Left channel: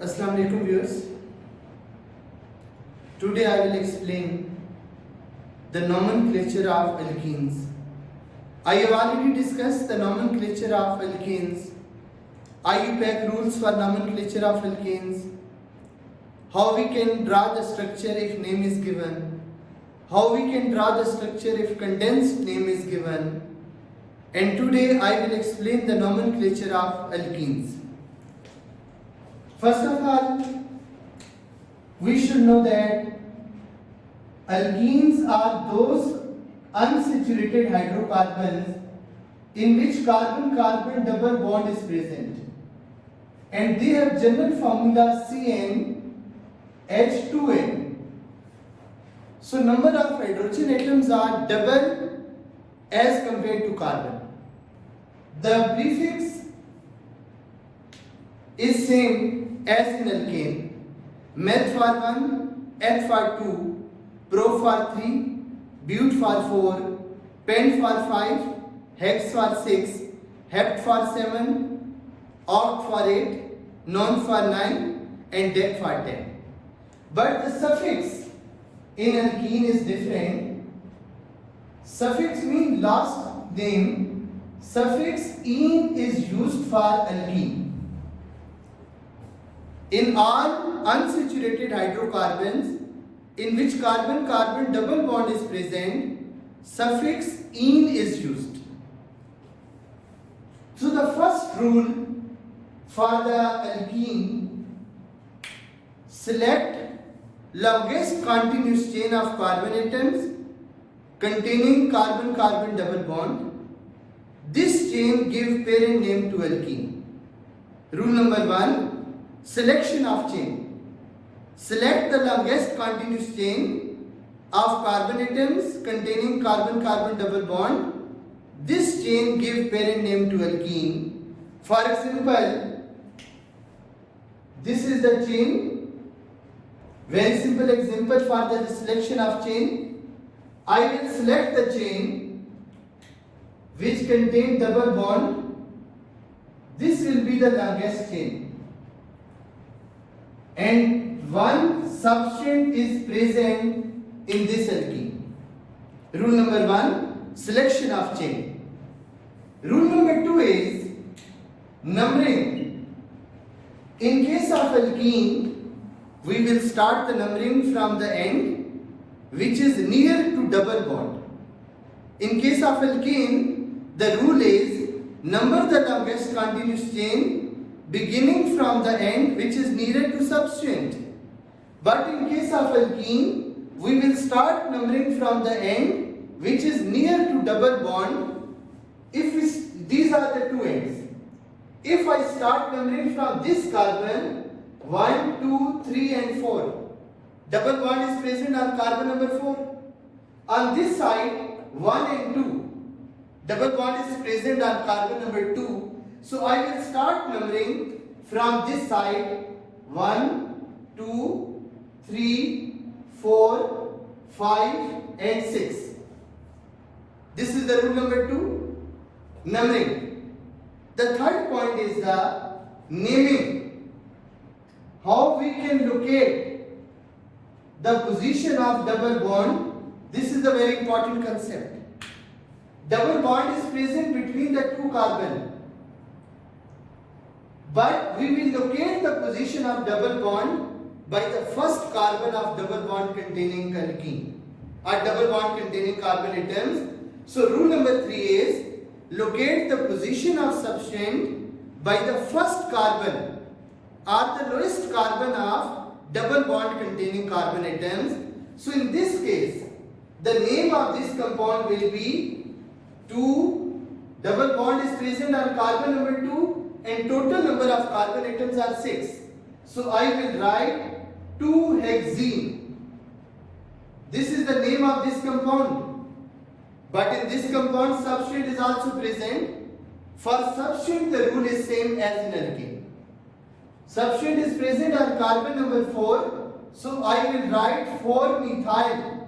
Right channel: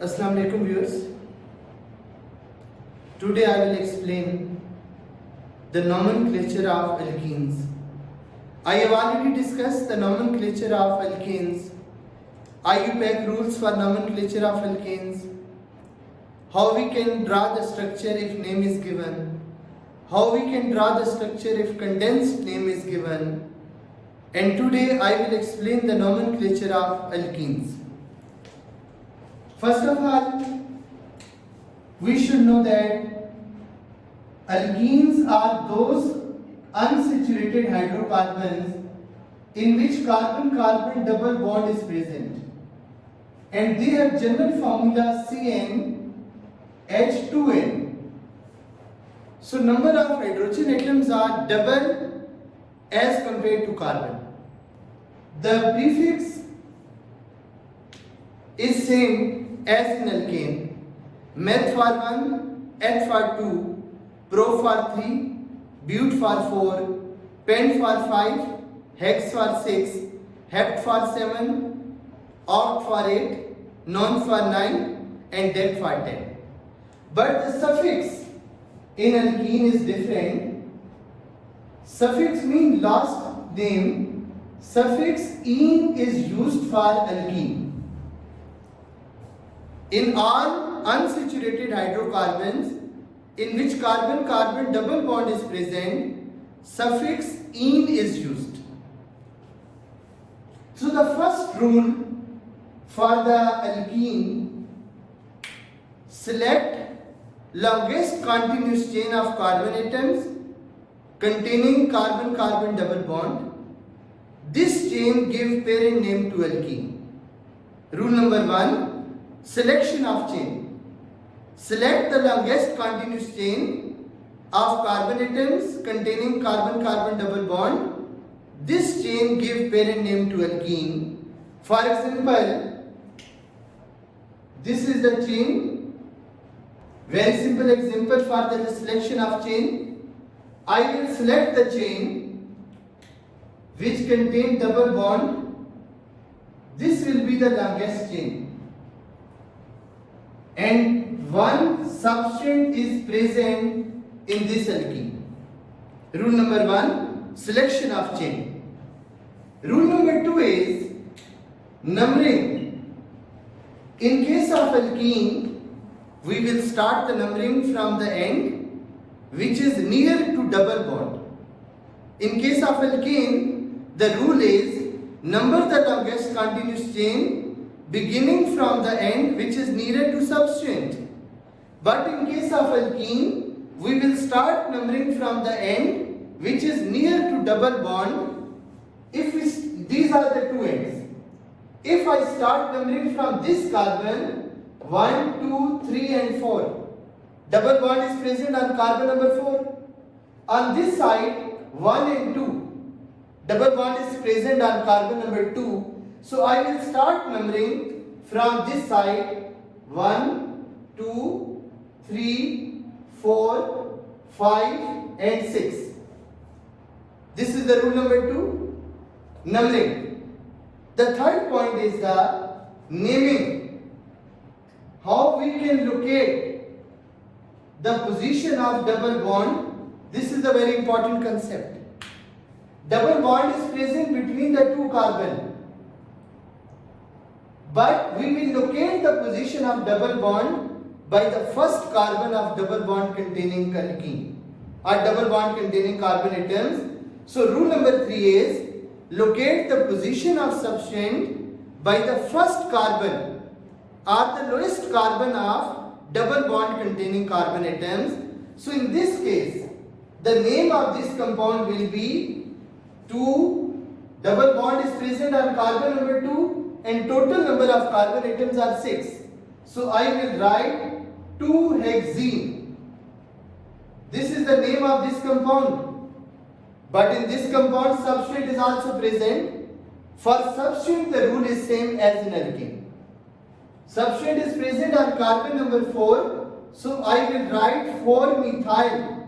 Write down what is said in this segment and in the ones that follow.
Assalamu alaikum viewers. Today I will explain the nomenclature of alkenes. I have already discussed the nomenclature of alkenes, IUPAC rules for nomenclature of alkenes, how we can draw the structure if name is given, how we can draw the structure if condensed name is given, and today I will explain the nomenclature of alkenes. First of all, we should know that alkenes are those unsaturated hydrocarbons in which carbon-carbon double bond is present, and they have general formula CnH2n. So number of hydrogen atoms are double as compared to carbon. The prefix is same as in alkane, meth for 1, eth for 2, pro for 3, but for 4, pent for 5, hex for 6, hept for 7, oct for 8, non for 9, and dec for 10. But the suffix in alkene is different. Suffix means last name. Suffix "-ene" is used for alkene. In all unsaturated hydrocarbons in which carbon-carbon double bond is present, suffix "-ene" is used. So the first rule for the alkene: select longest continuous chain of carbon atoms containing carbon-carbon double bond. This chain gives parent name to alkene. Rule number 1. Selection of chain. Select the longest continuous chain of carbon atoms containing carbon-carbon double bond. This chain gives parent name to alkene. For example, this is the chain. Very simple example for the selection of chain. I will select the chain which contains double bond. This will be the longest chain. And one substance is present in this alkene. Rule number 1, selection of chain. Rule number 2 is numbering. In case of alkene, we will start the numbering from the end which is near to double bond. In case of alkene, the rule is number the longest continuous chain beginning from the end which is nearer to substance. But in case of alkene, we will start numbering from the end which is near to double bond. These are the two ends. If I start numbering from this carbon, 1, 2, 3 and 4, double bond is present on carbon number 4. On this side, 1 and 2, double bond is present on carbon number 2. So I will start numbering from this side: 1, 2, 3, 4, 5 and 6. This is the rule number 2, numbering. The third point is the naming. How we can locate the position of double bond. This is the very important concept. Double bond is present between the two carbon. But we will locate the position of double bond by the first carbon of double bond containing alkene or double bond containing carbon atoms. So rule number 3 is locate the position of substance by the first carbon or the lowest carbon of double bond containing carbon atoms. So in this case, the name of this compound will be 2, double bond is present on carbon number 2 and total number of carbon atoms are 6. So I will write 2-hexene. This is the name of this compound. But in this compound, substrate is also present. For substrate, the rule is same as in alkene. Substrate is present on carbon number 4. So I will write 4-methyl.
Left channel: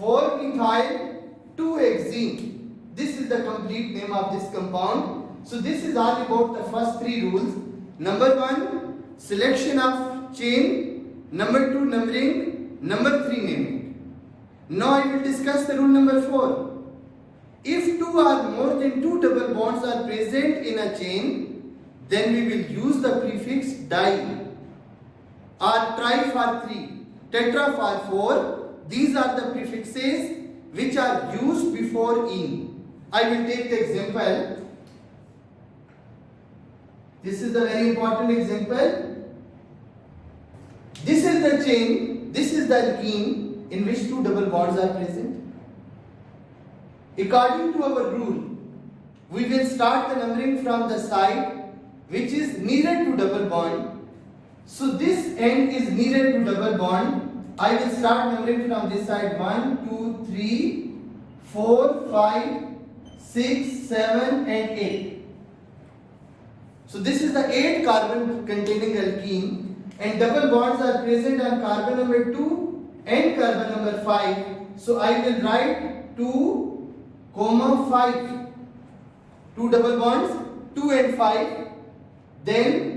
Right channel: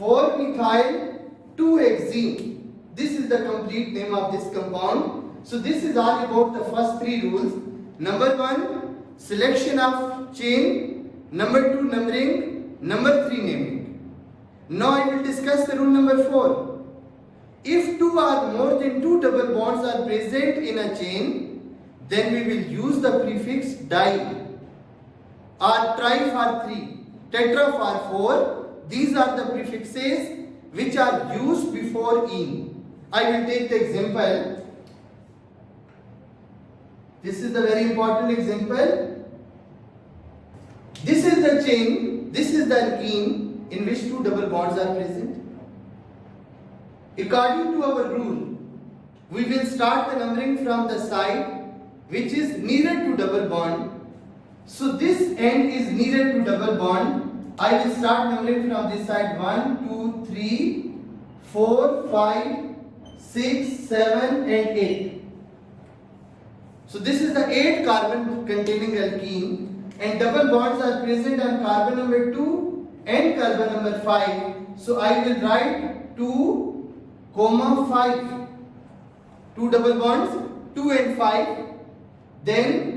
4-methyl 2-hexene. This is the complete name of this compound. So this is all about the first 3 rules. Number 1, selection of chain, number 2 numbering, number 3 naming. Now I will discuss the rule number 4. If two or more than 2 double bonds are present in a chain, then we will use the prefix di, or tri for 3, tetra for 4. These are the prefixes which are used before in. I will take the example. This is the very important example. This is the chain, this is the alkene in which 2 double bonds are present. According to our rule, we will start the numbering from the side which is nearer to double bond. So this end is nearer to double bond. I will start numbering from this side 1, 2, 3, 4, 5, 6, 7 and 8. So this is the 8 carbon containing alkene, and double bonds are present on carbon number 2 and carbon number 5. So I will write 2, 5. 2 double bonds, 2 and 5. Then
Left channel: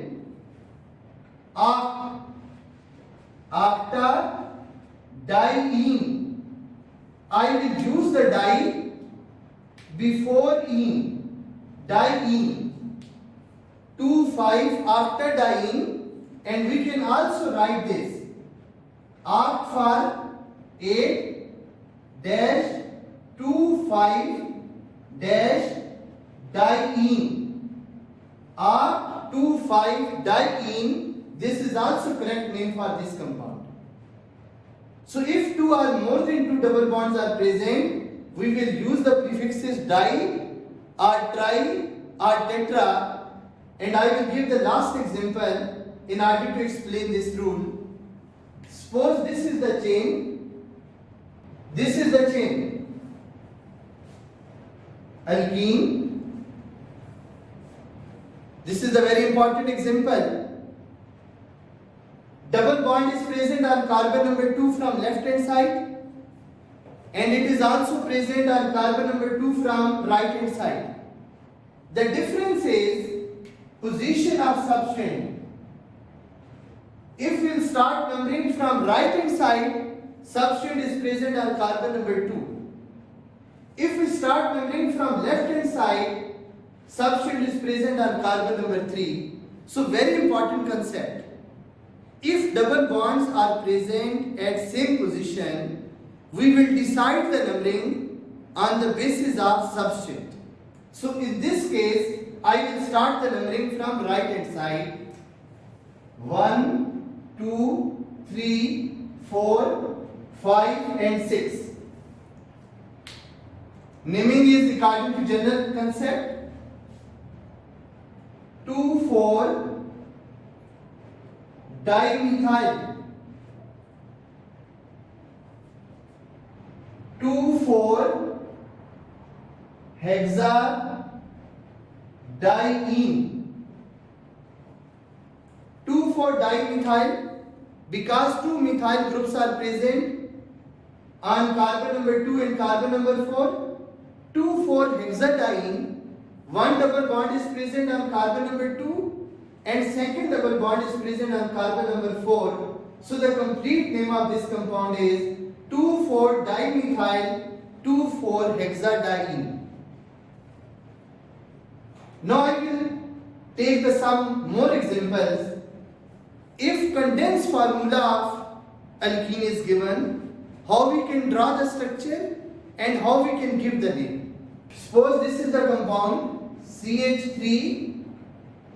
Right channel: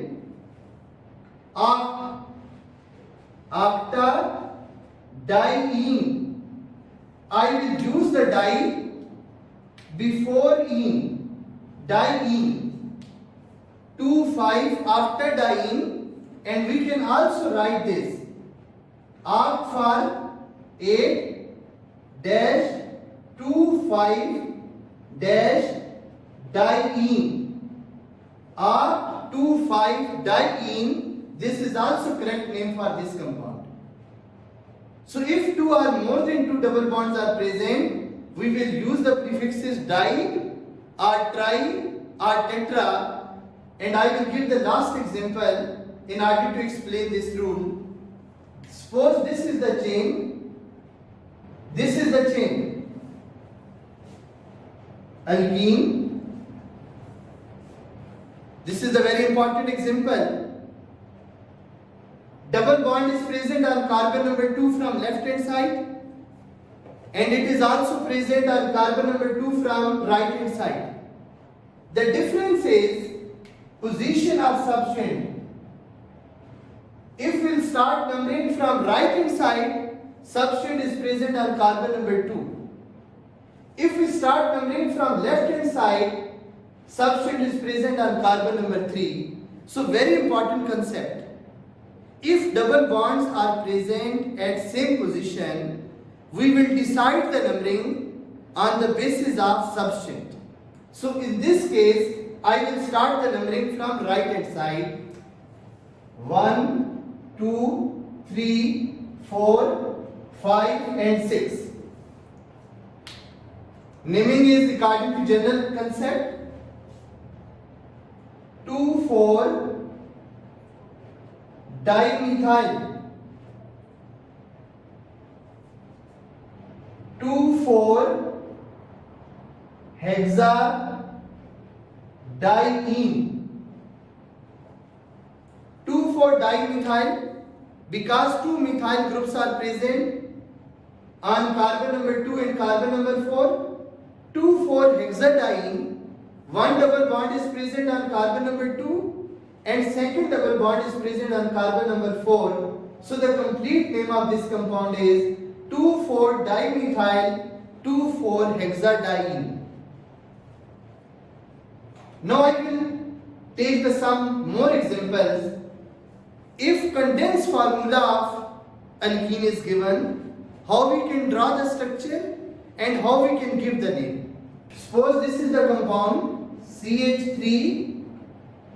after diene, I will use the di before in. Diene. 2, 5 after diene, and we can also write this. Arc for 8 dash 2, 5 dash diene. Arc 2, 5 diene. This is also correct name for this compound. So if 2 or more than 2 double bonds are present, we will use the prefixes di or tri or tetra, and I will give the last example in order to explain this rule. Suppose this is the chain, this is the chain, alkene. This is a very important example. Double bond is present on carbon number 2 from left hand side, and it is also present on carbon number 2 from right hand side. The difference is position of substrate. If we will start numbering from right hand side, substrate is present on carbon number 2. If we start numbering from left hand side, substrate is present on carbon number 3. So very important concept. If double bonds are present at same position, we will decide the numbering on the basis of substrate. So in this case, I will start the numbering from right hand side. 1, 2, 3, 4, 5 and 6. Naming is according to general concept. 2, 4 dimethyl. 2, 4 hexadiene. 2, 4 dimethyl, because 2 methyl groups are present on carbon number 2 and carbon number 4. 2, 4 hexadiene, one double bond is present on carbon number 2 and second double bond is present on carbon number 4. So the complete name of this compound is 2, 4 dimethyl 2, 4 hexadiene. Now I will take some more examples. If condensed formula of alkene is given, how we can draw the structure and how we can give the name. Suppose this is the compound CH3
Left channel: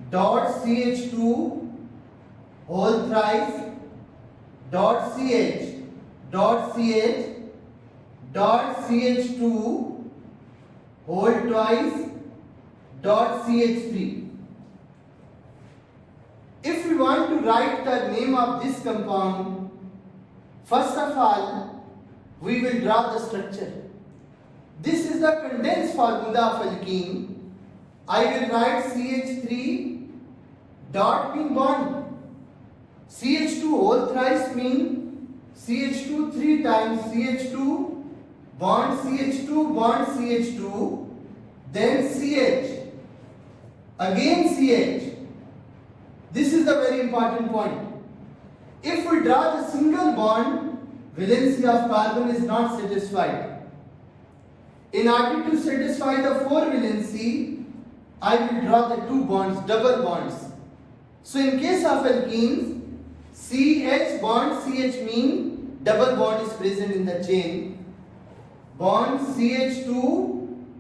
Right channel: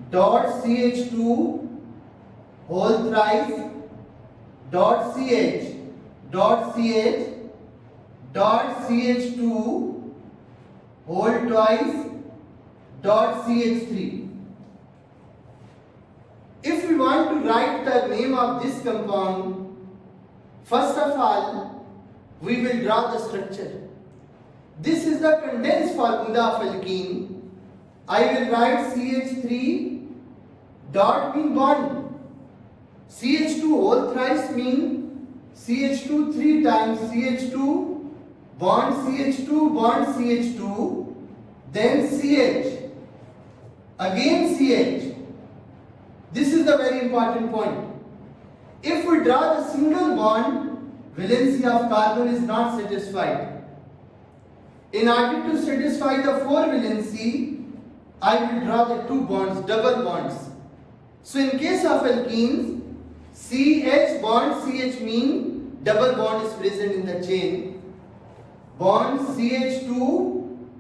dot CH2 whole thrice dot CH dot CH dot CH2 whole twice dot CH3. If we want to write the name of this compound, first of all, we will draw the structure. This is the condensed formula of alkene. I will write CH3 dot mean bond. CH2 whole thrice mean CH2 3 times CH2 bond CH2 then CH again CH. This is the very very important point. If we draw the single bond, valency of carbon is not satisfied. In order to satisfy the 4 valency, I will draw the 2 bonds, double bonds. So in case of alkenes, CH bond CH mean double bond is present in the chain. Bond CH2,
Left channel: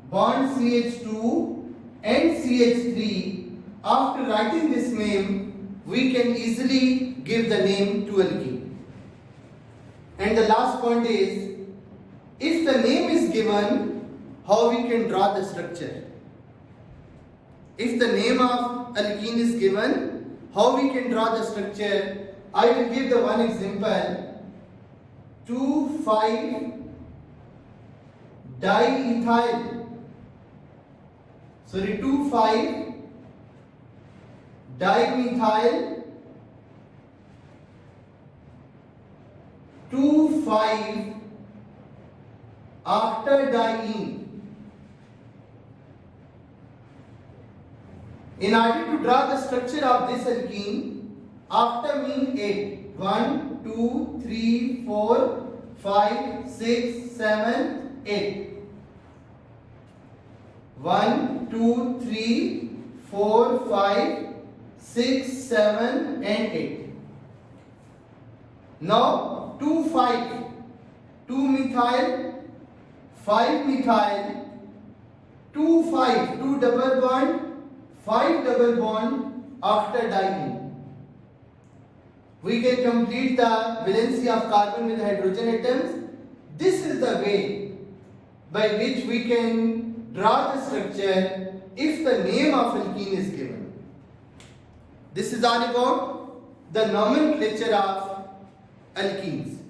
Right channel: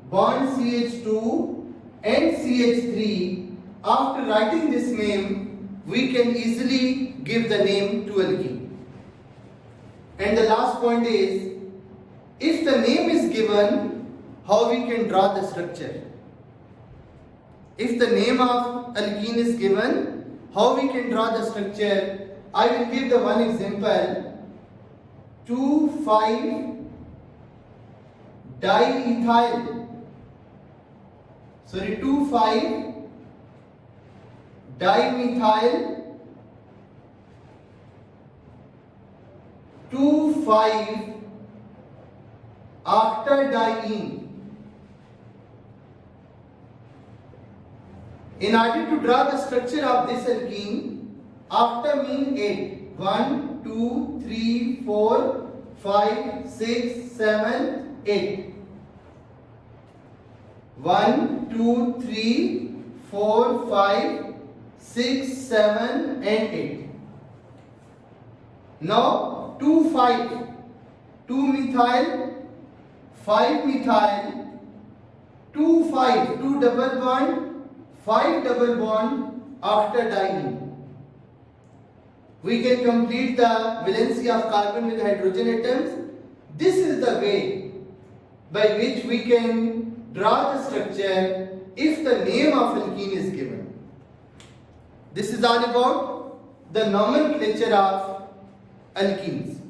bond CH2 and CH3. After writing this name, we can easily give the name to alkene. And the last point is, if the name is given, how we can draw the structure? If the name of alkene is given, how we can draw the structure? I will give the one example. 2,5-diethyl. 2,5-dimethyl. 2,5 after diene. In order to draw the structure of this alkene, after mean 8. 1, 2, 3, 4, 5, 6, 7, 8. 1, 2, 3, 4, 5, 6, 7 and 8. Now 2, 5. 2 methyl, 5 methyl, 2, 5, 2 double bond, 5 double bond after diene. We can complete the valency of carbon with hydrogen atoms. This is the way by which we can draw the structure if the name of alkene is given. This is all about the nomenclature of alkenes.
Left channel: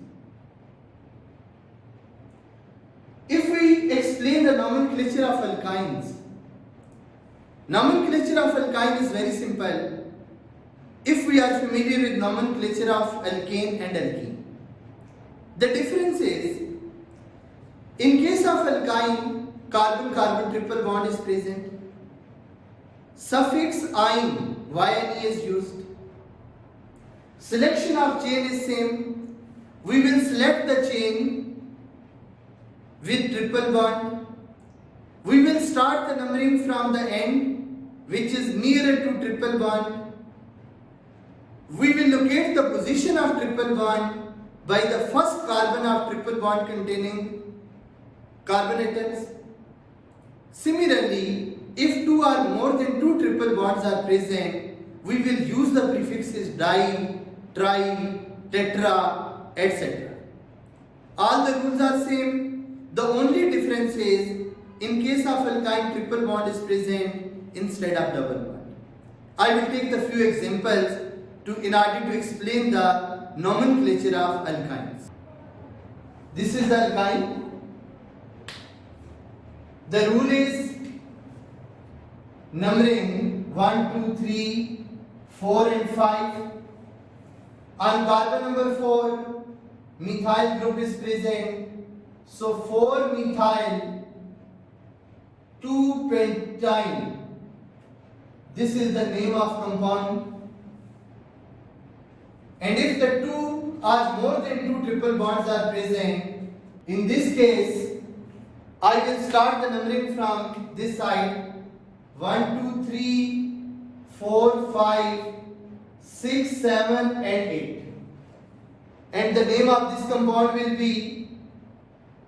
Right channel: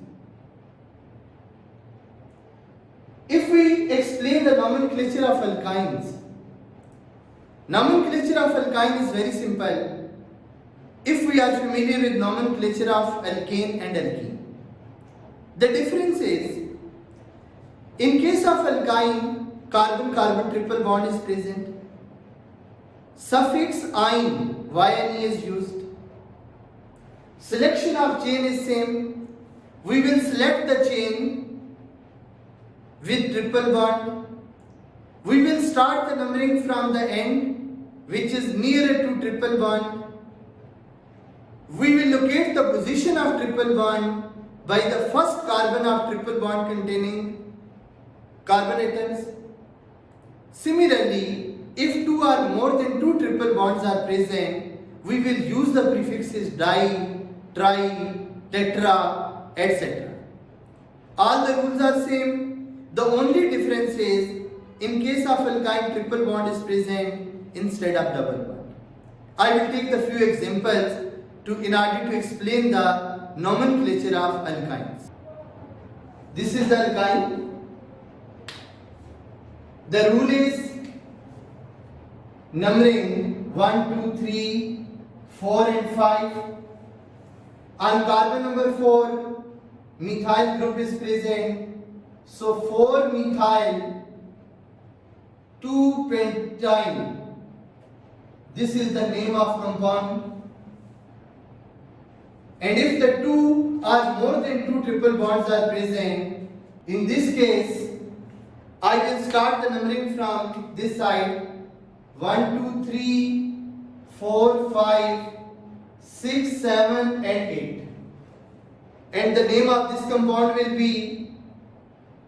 If we explain the nomenclature of alkynes, nomenclature of alkyne is very simple. If we are familiar with nomenclature of alkane and alkene, the difference is, in case of alkyne, carbon-carbon triple bond is present. Suffix -ine, YNE is used. Selection of chain is same. We will select the chain with triple bond. We will start the numbering from the end, which is nearer to triple bond. We will locate the position of triple bond by the first carbon of triple bond containing carbon atoms. Similarly, if 2 or more than 2 triple bonds are present, we will use the prefixes di, tri, tetra, etc. All the rules are same. The only difference is, in case of alkyne, triple bond is present instead of double bond. I will take the few examples in order to explain the nomenclature of alkynes. This is the alkyne. The rule is numbering 1, 2, 3, 4 and 5. On carbon number 4, methyl group is present. So 4 methyl, 2 pentyne. This is the name of compound. And if the 2 or more than 2 triple bonds are present, in this case, I will start the numbering from this side. 1, 2, 3, 4, 5, 6, 7 and 8. And the name of this compound will be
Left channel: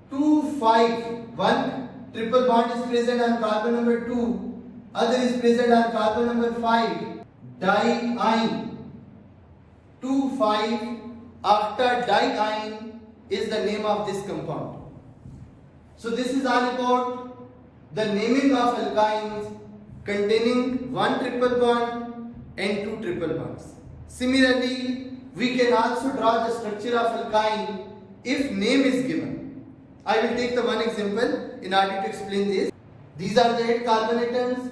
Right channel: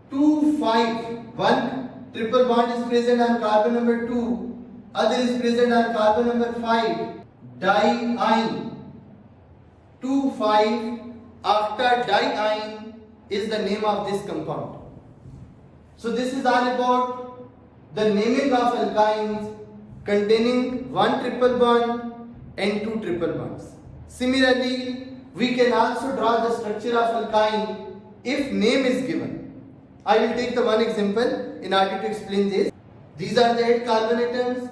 2, 5. One triple bond is present on carbon number 2. Other is present on carbon number 5. Diene. 2, 5 after diene is the name of this compound. So this is all about the naming of alkynes containing 1 triple bond and 2 triple bonds. Similarly, we can also draw the structure of alkyne if name is given. I will take the one example in order to explain this. These are the 8 carbon atoms.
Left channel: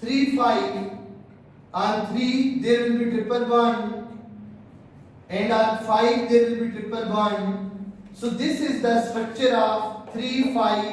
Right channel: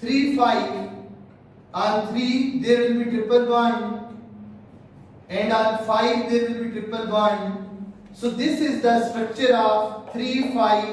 3, 5. On 3 there will be triple bond. And on 5 there will be triple bond. So this is the structure of 3, 5